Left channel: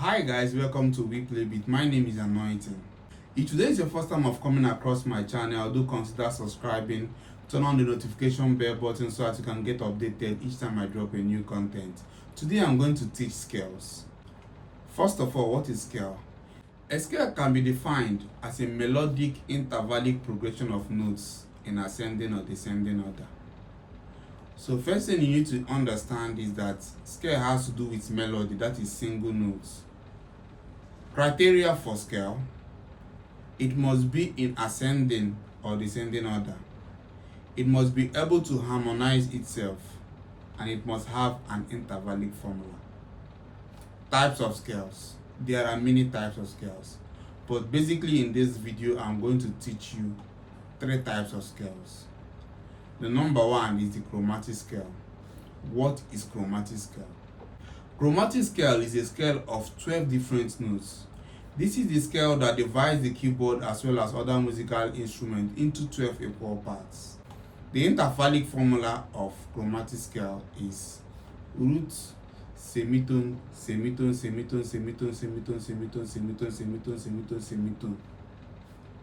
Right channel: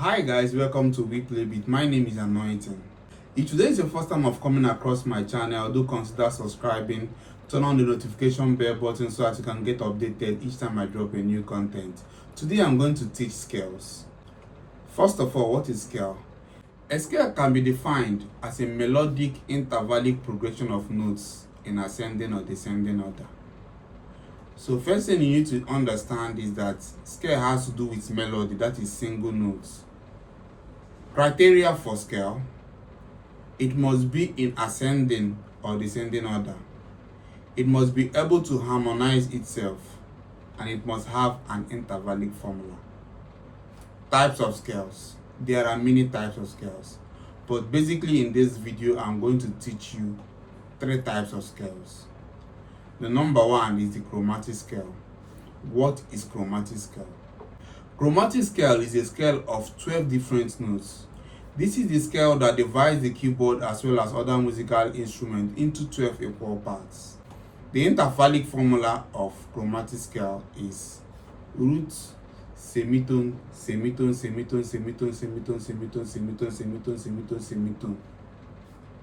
Hi guys, welcome to Weplaybeat. My name is Anointing. If today is your first time of coming across my channel, do consider subscribing, turn on the notification bell button so that you can get updated each time I drop a new content. Today I'm going to teach scales. First of all, what is scale? A scale can be defined as a melodic intervallic progression of notes in ascending or descending order. So first thing you need to understand is that scale has to do with melody, that is single notes. Criteria for scale: it must be in ascending or descending order. It must be able to harmonize itself, and it must have an intervallic formula. Types of scales. There are many types of scales, but basically in this video I'm going to teach you 3 types of scales. The number 1 is the chromatic scale. What is chromatic scale? Chromatic scale is a scale of 12 different notes. This is the scale that divides the keyboard as well as other musical instruments into 12 equal parts. The intervallic formula of chromatic scale is root, semitone, semitone, semitone, semitone, semitone, semitone, semitone, semitone, semitone, semitone.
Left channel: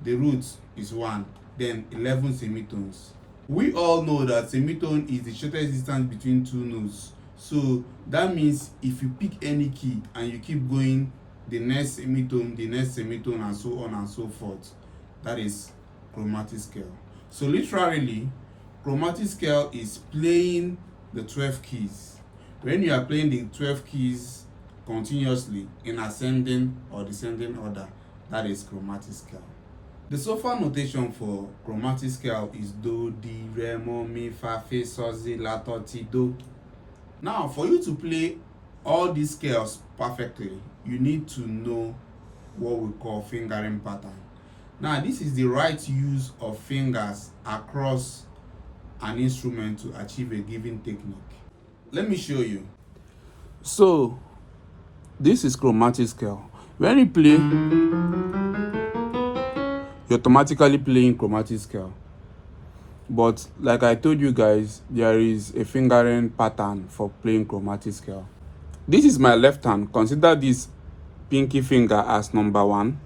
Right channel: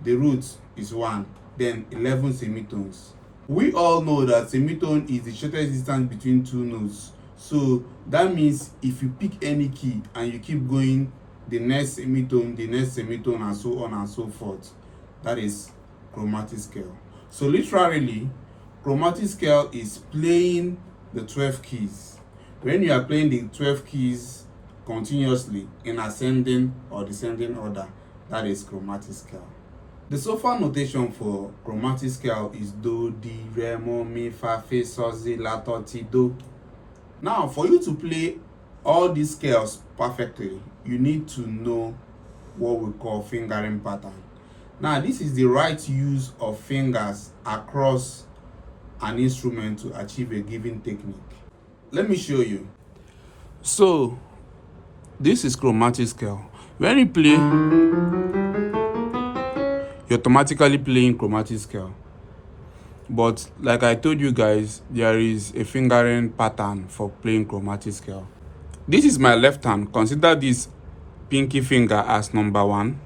The root is 1, then 11 semitones. We all know that semitone is the shortest distance between 2 notes. So that means if you pick any key and you keep going, the next semitone, and so on and so forth, that is chromatic scale. So literally, chromatic scale is playing the 12 keys. When you are playing the 12 keys continuously in ascending or descending order, that is chromatic scale. The solfa notation for chromatic scale is do, di, re, mo, mi, fa, fe, sol, si, la, to, ti, do. Now, for you to play all these scales perfectly, you need to know what we call fingering pattern. Now, this is the right use of fingers across an instrument to achieve a given technique. Let me show you. So, this is chromatic scale. When you play, automatically playing chromatic scale, but like I told you guys, there is a fingering pattern for playing chromatic scale. This is my left hand. Consider this pinky finger as number 1,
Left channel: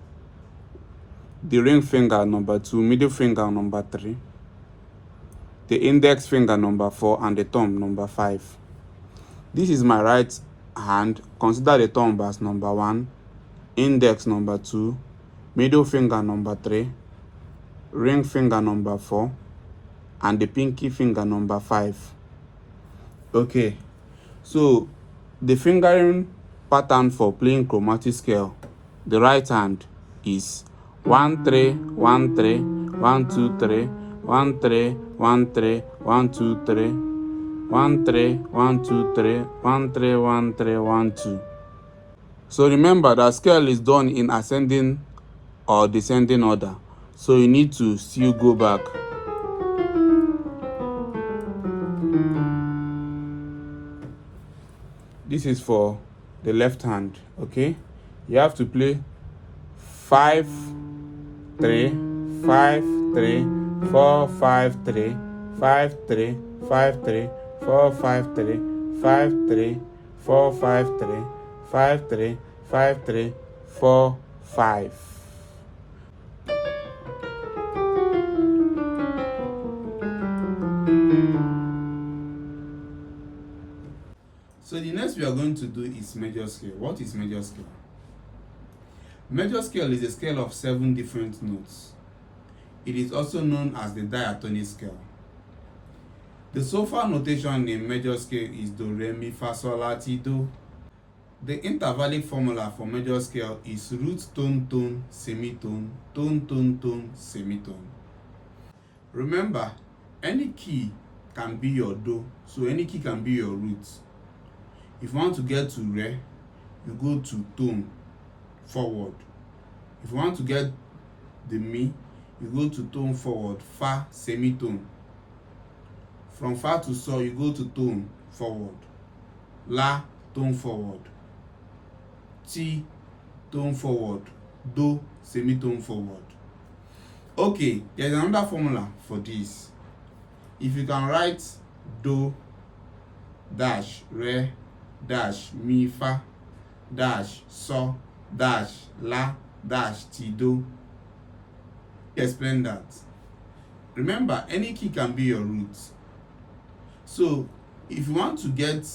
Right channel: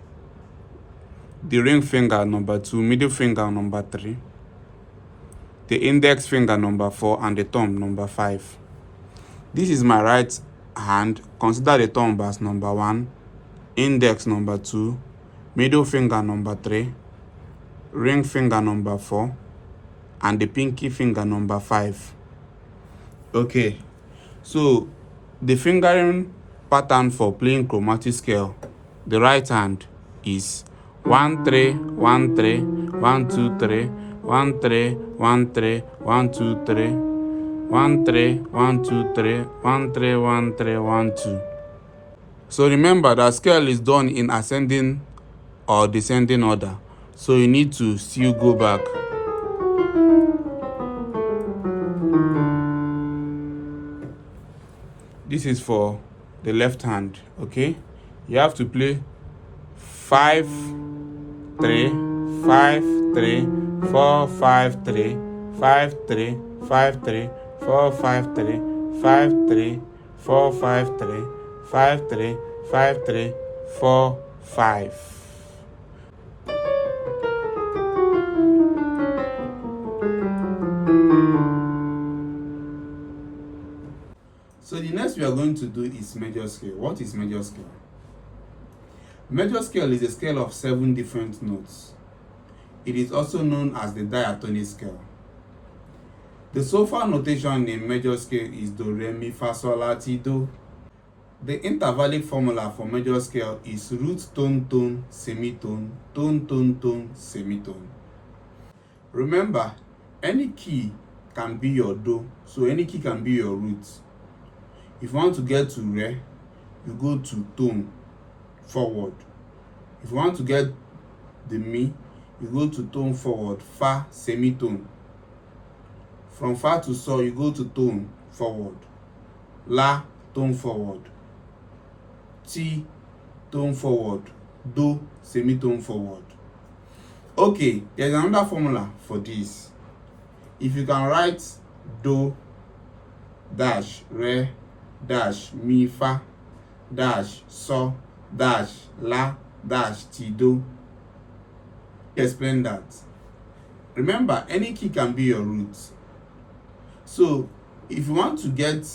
the ring finger number 2, middle finger number 3, the index finger number 4, and the thumb number 5. This is my right hand. Consider the thumb as number 1, index number 2, middle finger number 3, ring finger number 4, and the pinky finger number 5. Okay, so the fingering pattern for playing chromatic scale, the right hand is 1 3 1 3 1 2 3 1 3 1 3 1 2 3 1 3 1 2 3 1 3 1 3 1 2. So remember that scale is done in ascending or descending order, so you need to still go back. This is for the left hand. Okay, you have to play 5 3 5 3 4 5 3 5 3 5 3 4 5 3 5 3 4 5 3 5 3 5 3 4 5. So the next we are going to do is major scale. What is major scale? Major scale is a scale of 7 different notes. It is also known as the diatonic scale. The solfa notation in major scale is do, re, mi, fa, sol, la, ti, do. The intervallic formula for major scale is root, tone, tone, semitone, tone, tone, tone, semitone. Remember, any key can be your do, so any key can be your root. If you want to get to re, you go to tone forward. If you want to get the mi, you go to tone forward, fa, semitone. From fa to sol, you go to tone forward. La, tone forward. Ti, tone forward. Do, semitone forward. Okay, there's another formula for this. If you can write do dash re dash mi fa dash so dash la dash ti do. Explain that. Remember, any key can be your root. So if you want to get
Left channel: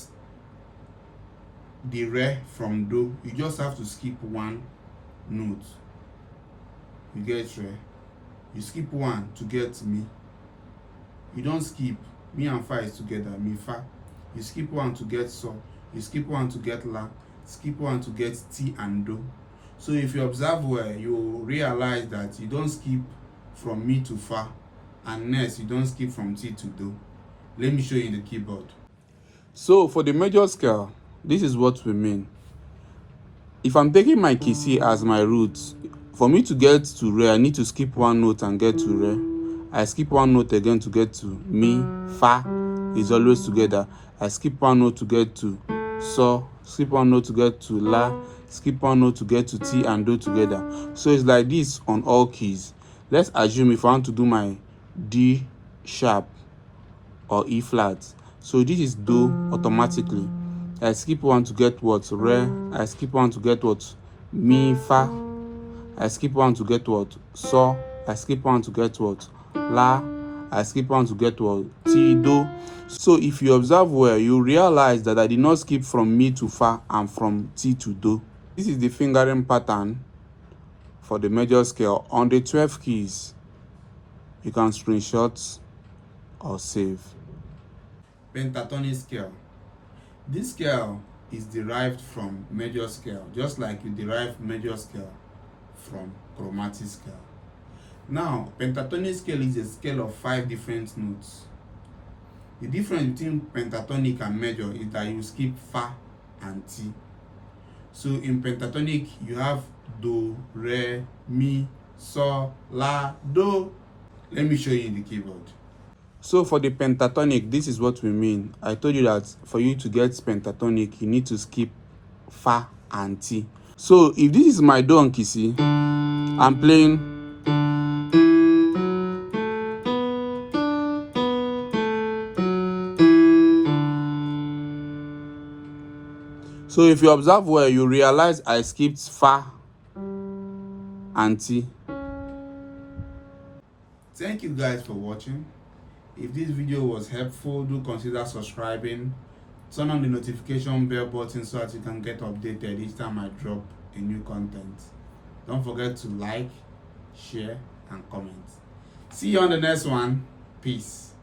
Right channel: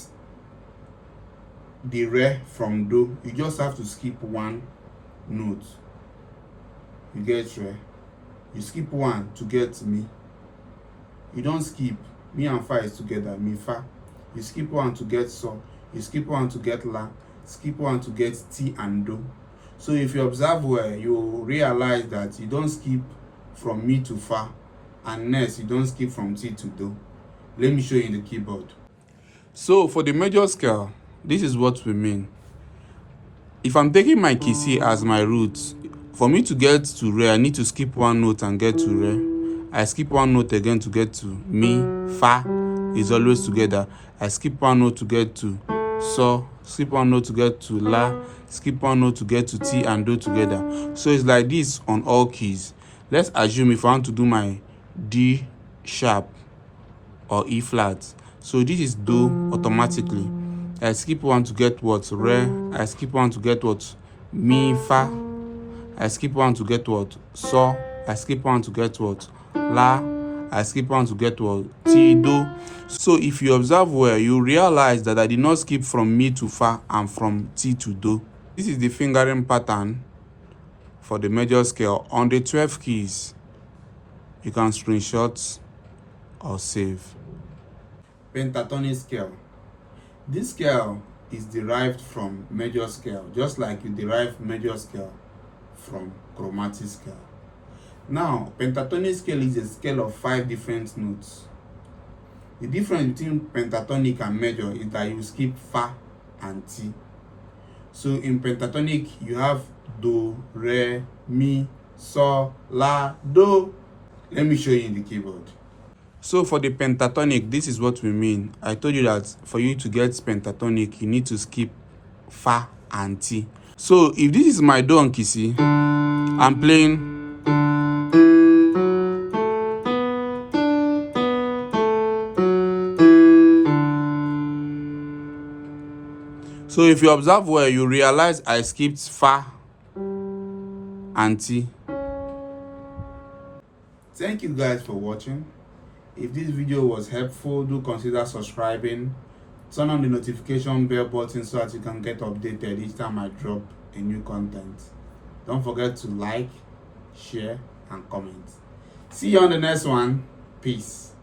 the re from do, you just have to skip one note. You get re, you skip one to get mi. You don't skip mi and fa is together, mi fa. You skip one to get so, you skip one to get la, skip one to get ti and do. So if you observe well, you realize that you don't skip from mi to fa, and next you don't skip from ti to do. Let me show you in the keyboard. So for the major scale, this is what we mean. If I'm taking my key C as my root, for me to get to re, I need to skip one note and get to re. I skip one note again to get to mi, fa is always together. I skip one note to get to so, skip one note to get to la, skip one note to get to ti and do together. So it's like this on all keys. Let's assume if I want to do my D sharp or E flat. So this is do automatically. I skip one to get what? Re. I skip one to get what? Mi, fa. I skip one to get what? So. I skip one to get what? La. I skip one to get what? Ti, do. So if you observe well, you realize that I did not skip from mi to fa and from ti to do. This is the fingering pattern for the major scale on the 12 keys. You can screenshot or save. Pentatonic scale. This scale is derived from major scale, just like you derive major scale from chromatic scale. Now, pentatonic scale is a scale of 5 different notes. The difference between pentatonic and major is that you skip fa and ti. So in pentatonic, you have do, re, mi, so, la, do. Let me show you in the keyboard. So for the pentatonic, this is what we mean. I told you that for you to get pentatonic, you need to skip fa and ti. So if this is my do on key C, I'm playing. So if you observe well, you realize I skipped fa and ti. Thank you guys for watching. If this video was helpful, do consider subscribing. Turn on the notification bell button so that you can get updated each time I drop a new content. Don't forget to like, share, and comment. See you on the next one. Peace.